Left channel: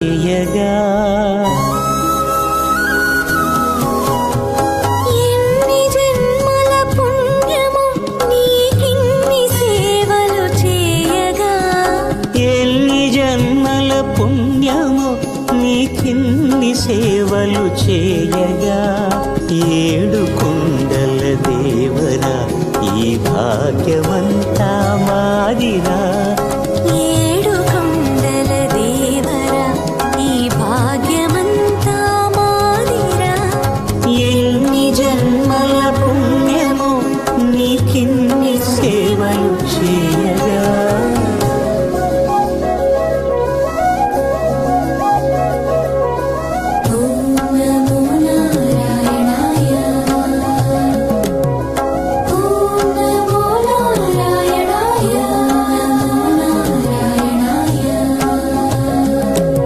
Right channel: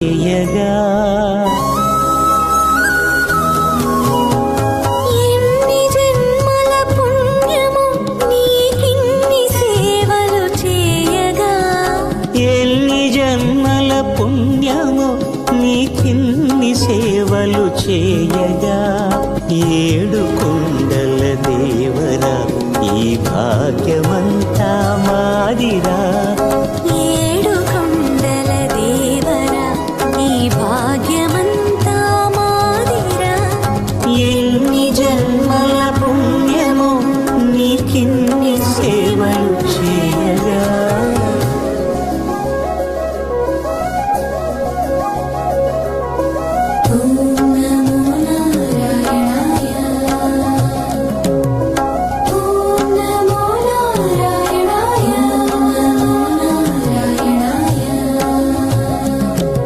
చేయగా ఎన్ని జన్మల పుణ్యము నీకిన్ని సేవలు చేయగా ఎన్ని జన్మల పుణ్యము నీకిన్ని సేవలు చేయగా ఏడు కొండల దేవరా ఈ భాగ్యమంతా మాదిరా ఏడు కొండల దేవరా ఈ భాగ్యమంతా మాదిరా ఎన్ని జన్మల పుణ్యము నీకిన్ని సేవలు చేయ